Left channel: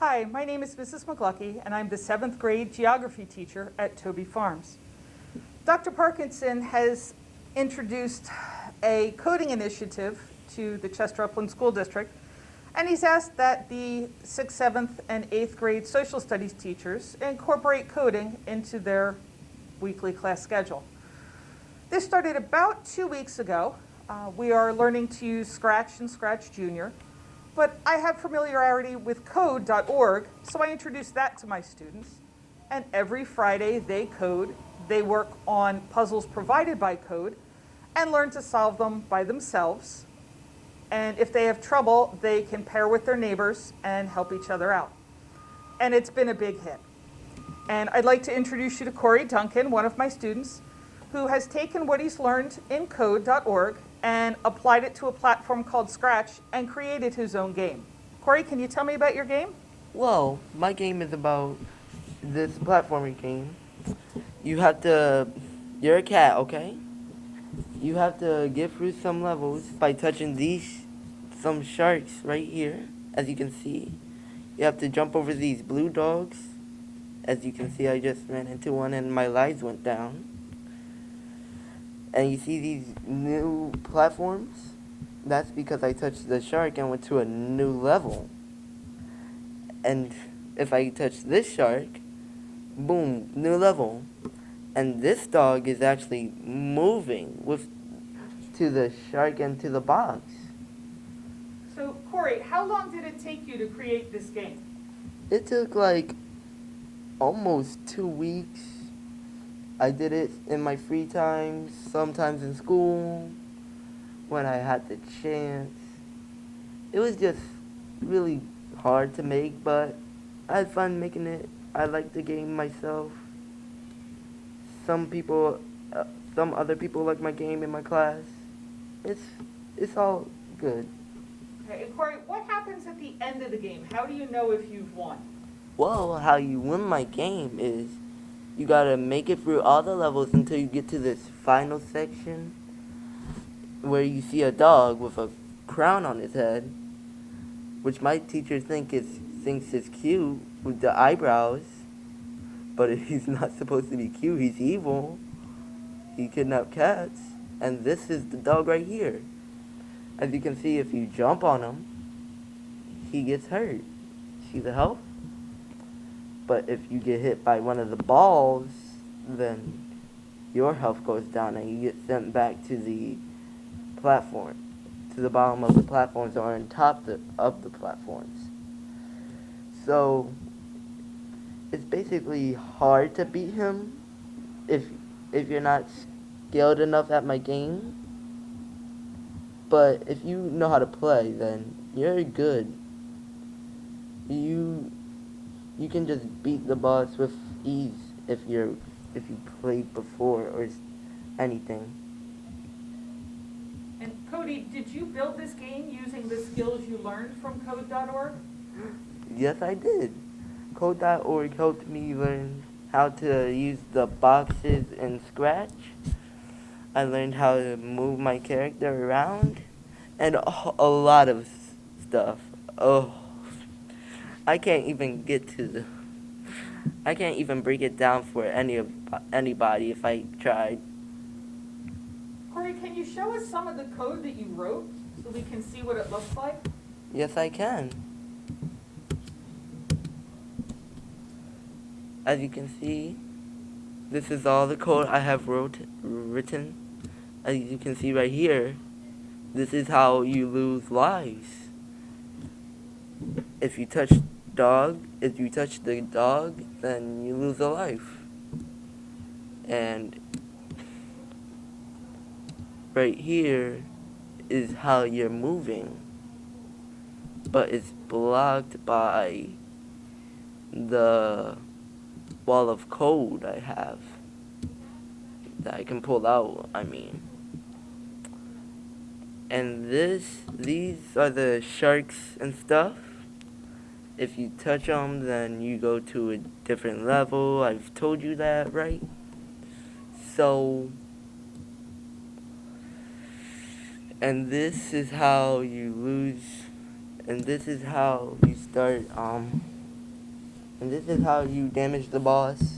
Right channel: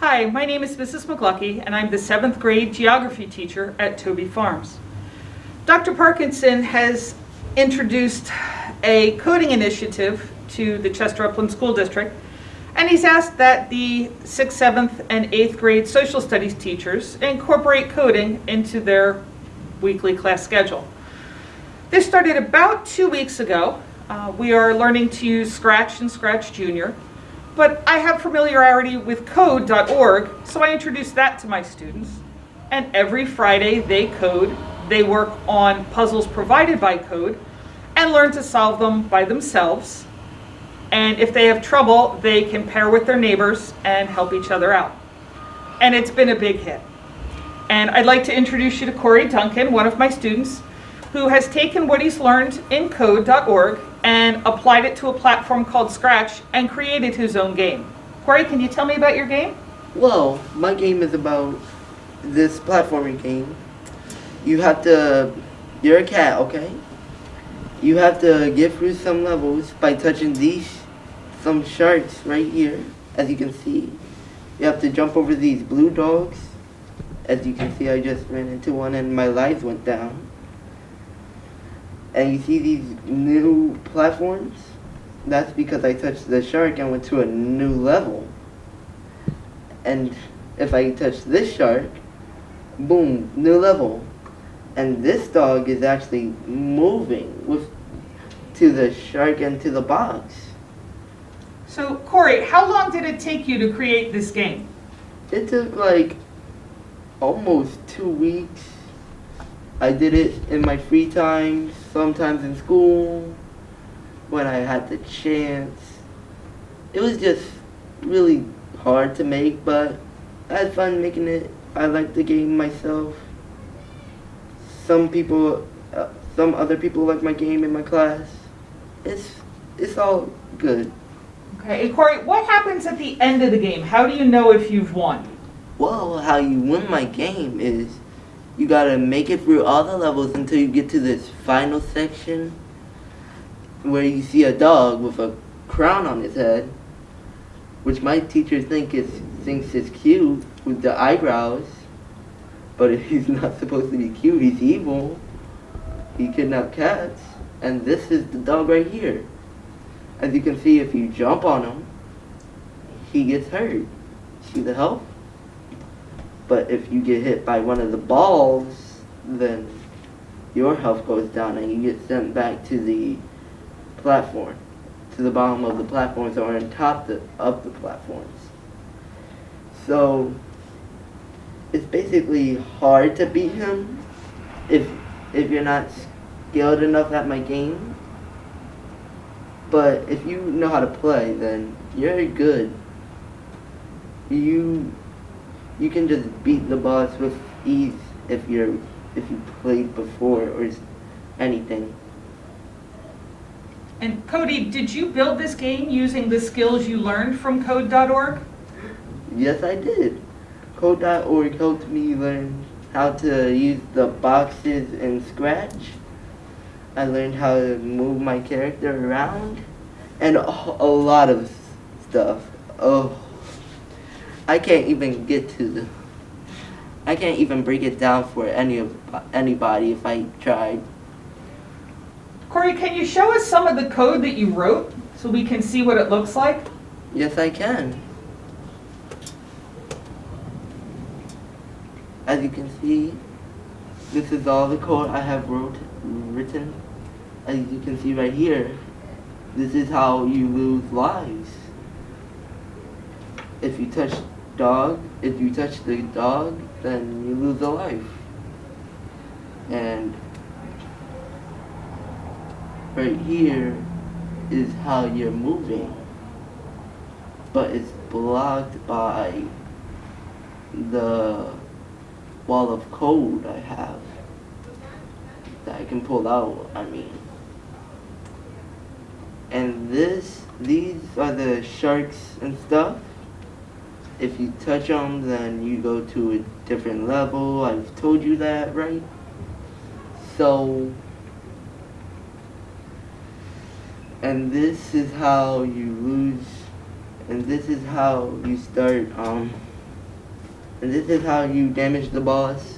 Hi, my name is Mrs. McLucky, and I'm the 7th grade geography teacher at Toby Farms. Dr. Parkinson has introduced a coding initiative to the Chester Upland School District, and he's asked that the 6th, 7th, and 8th grade social studies teachers incorporate coding into their weekly class schedule. This started about 2 weeks ago. We are learning to use Scratch and Scratch Junior. But I have familiarity with code.org, so I introduced that to my students. And every Friday they code, they work on puzzles provided by code, and learn to solve them by themselves. And if they have trouble, they can pair with their neighbors and help each other out. And it's been a big hit. And I'd like to introduce you to Duncan, one of my students, who has taken what he's learned in code.org and applied it to a platform called Scratch and created his own game. Corey, can you tell me about your game? Well, my game is about this platforming game. You're a cat, okay? You have to get through some levels by touching some sharks right here, as you can see. You have to jump over these blue dogs. As you can see, I just ran into one and my lives went down. And you see these new platforms? That's because I touched the shark and went to a new level. And if I touch this shark, boom, new level. And this dog is actually moving to the shark and to the box. So, Corey, how long did it take you to create this game? It took like almost 2 weeks. I did it in my free time, sometimes in school, when I had the chance. It was just really hard to make, but I had fun making it. I liked the game myself. Some other people like my game in my class. It's all good. Okay, and Corey, what happens at the end of the game? How do you know if you've won? Well, how you win my game is you gotta make it through all the levels until you get to this final section where you see a dog with a crown on his head, which my teacher thinks is cute with the eyebrows, but he's not supposed to be cute. He's evil. He kidnapped cats, and this is the dog right here. As you can see, if you jump on him, he gets hurt. See the health? But if you get hit by one of the balls, then your health goes down and you get sent back to the platform, to the bottom of the platforms or on top of the platforms. So it's basically hard to beat him if you're not skilled enough at my game. But if you know how to play, then you're good. You can just beat the boss with ease if you played before or anything. And Cody, did you build this game using the skills you learned from code.org? Yes, I did. Code.org helped me learn how to use the boxes in Scratch. I learned how to move my character around and a lot of stuff. Oh. I can't even break it down for anybody if I tried. Corey, can you show us some of the code that you wrote so we can see what it looks like? Yes, I can. As you can see, this is all the code I have written. As you can see right here, this is how you lose lives. If you touch the dog, then you lose a life. And right here is how you're moving, but it's blocked by the wall of code I have that I can pull out, And these are the sharks and stuff. If you touch them, then you go to a different level. I've told you that, right? So, and this is how you lose, and this is how you start And this is how you damage the boss.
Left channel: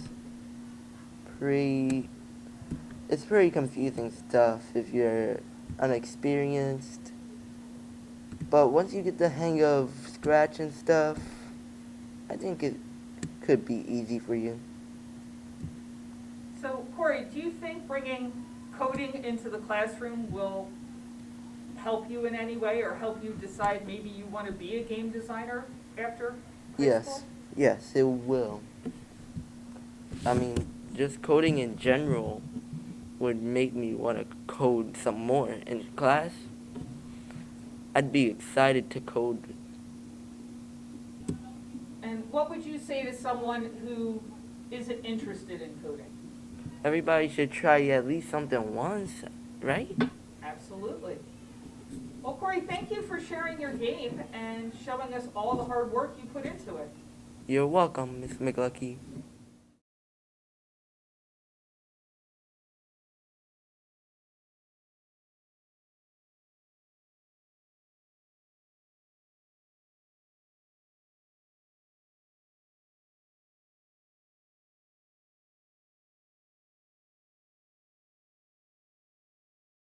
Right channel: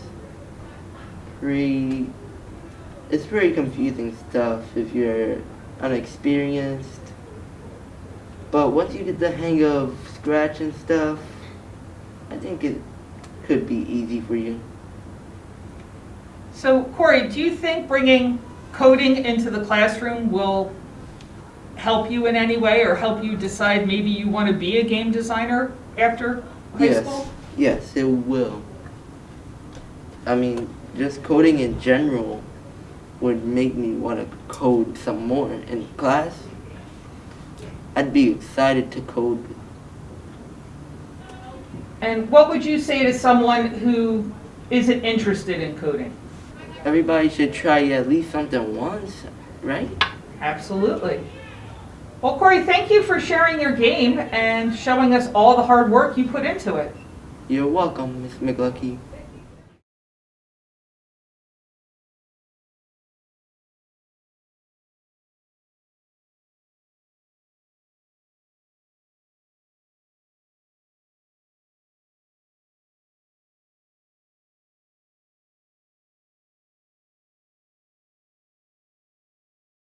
It's pretty confusing stuff if you're unexperienced. But once you get the hang of Scratch and stuff, I think it could be easy for you. So Corey, do you think bringing coding into the classroom will help you in any way or help you decide maybe you want to be a game designer after high school? Yes, it will. I mean, just coding in general would make me want to code some more in class. I'd be excited to code. And what would you say to someone who isn't interested in coding? Everybody should try at least something once, right? Absolutely. Well, Corey, thank you for sharing your game and showing us all the hard work you put into it. You're welcome, Miss McLucky.